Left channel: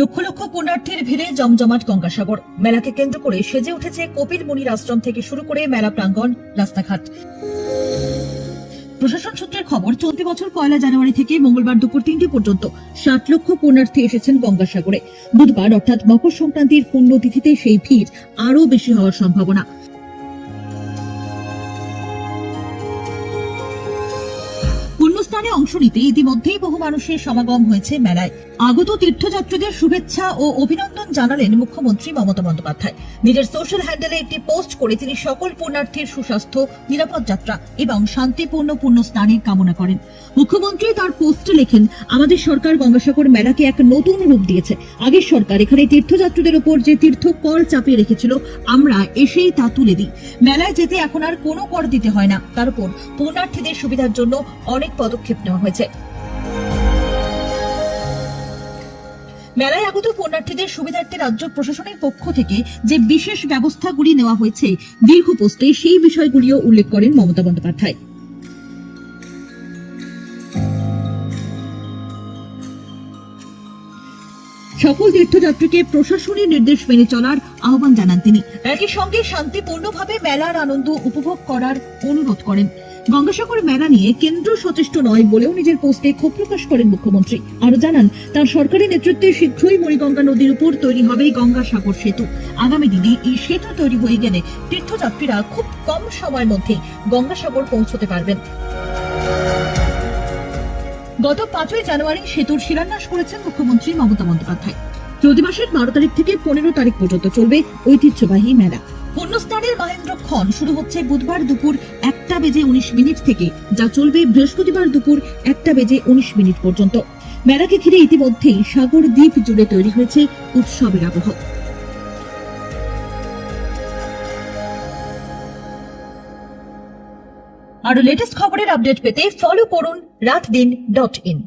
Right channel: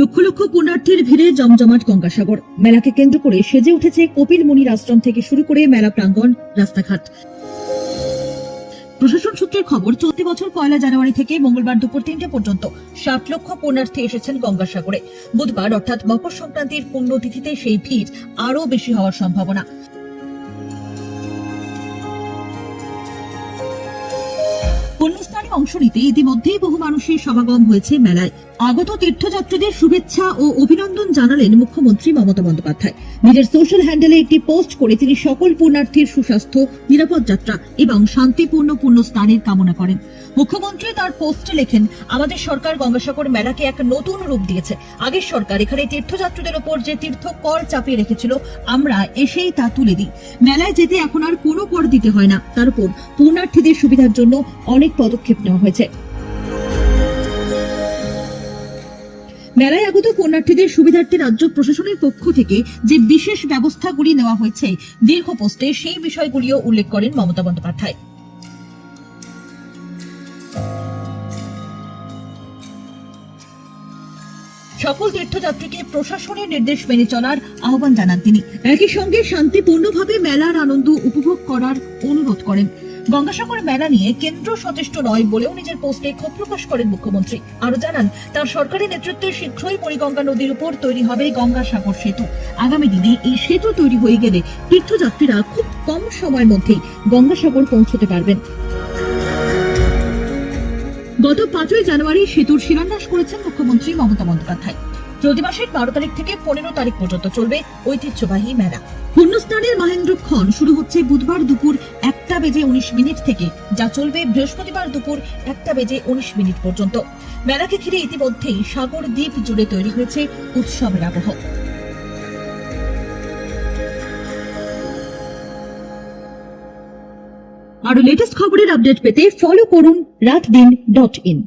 লক্ষ লক্ষ পুণ্যার্থীর ভিড়ে জমজমাট গঙ্গাসাগর। মেলাকে কেন্দ্র করে সেজে উঠেছে কপিল মুনির আশ্রম থেকে শুরু করে মেলা প্রাঙ্গণ, রাস্তাঘাট। প্রশাসন সূত্রের খবর, চলতি বছর পয়লা জানুয়ারি থেকে মঙ্গলবার দুপুর তিনটে পর্যন্ত ষাট লক্ষ পুণ্যার্থী এসেছেন গঙ্গাসাগরে। বুধবার অর্থাৎ মকর সংক্রান্তির পুণ্যতিথিতে সেই ভিড় আরও বেশি হওয়ার সম্ভাবনা। পুণ্যস্থানে অংশ নিতে ইতিমধ্যেই বহু মানুষের সমাগম হয়েছে মেলায়। আগত তীর্থযাত্রীদের শুভেচ্ছা ও অভিনন্দন জানালেন মুখ্যমন্ত্রী মমতা বন্দ্যোপাধ্যায়। নিজের সোশ্যাল হ্যান্ডেলে একটি পোস্ট করে তিনি সকল পুণ্যার্থীর সুস্বাস্থ্য, নিরাপদ যাত্রা এবং শান্তিপূর্ণ পুণ্য স্নানের কামনা করেন। মুখ্যমন্ত্রী তার পোস্টে লেখেন, আমাদের সরকার গঙ্গাসাগর মেলাকে এক নতুন রূপ দিয়েছে। আগের সরকার এখানে তীর্থযাত্রীদের ওপর যে তীর্থ কর চাপিয়ে রেখেছিল, আমরা এসেই তা তুলে দিই। মেলায় যেতে এখন আর কোনো কর দিতে হয় না। তার উপর পুণ্যার্থীদের সুবিধার জন্য অনেক পদক্ষেপ নেওয়া হয়েছে। মেলায় আগত পুণ্যার্থীদের সুবিধার্থে রাজ্য প্রশাসনের পক্ষ থেকে যে বিশেষ ব্যবস্থাগুলি নেওয়া হয়েছে, দীর্ঘ পোস্টে সেই বিষয়গুলিও উল্লেখ করেন মমতা বন্দ্যোপাধ্যায়। সকল তীর্থযাত্রীকে প্রশাসনের নির্দেশ মেনে চলার আহ্বান জানান তিনি। একই সঙ্গে শান্তিপূর্ণভাবে মেলার আনন্দ উপভোগ করার অনুরোধ করেন। গঙ্গাসাগর মেলা নিয়ে কেন্দ্র সচেষ্ট নয় বলেও নিজের পোস্টে ক্ষোভ প্রকাশ করেন মুখ্যমন্ত্রী। আরও জানান, তার সরকারি নেতৃত্বে শীঘ্রই মণিগঙ্গা নদীর উপর তৈরি হবে গঙ্গাসাগর সেতু। আগামী দিনে এই সেতু তৈরি হয়ে গেলে তীর্থযাত্রীরা খুব কম সময়ের মধ্যেই গঙ্গাসাগর পৌঁছতে পারবেন। গত পাঁচই জানুয়ারি সেতুর শিলান্যাস করেছেন মুখ্যমন্ত্রী মমতা বন্দ্যোপাধ্যায়। চলতি মাসের বারো তারিখ থেকে পনেরো তারিখ পর্যন্ত চলবে ঐতিহ্যবাহী মেলা। পুণ্যস্নানের মহেন্দ্রক্ষণ শুরু হচ্ছে বুধবার দুপুর একটা বেজে উনিশ মিনিট থেকে, যা চলবে বৃহস্পতিবার দুপুর একটা বেজে উনিশ মিনিট পর্যন্ত। মেলাকে ঘিরে ইতিমধ্যেই সাগর দ্বীপ জুড়ে তৈরি হয়েছে উৎসবের আবহ। আরও লেটেস্ট খবরের আপডেট পেতে ফলো করুন রাত দিন ডট ইন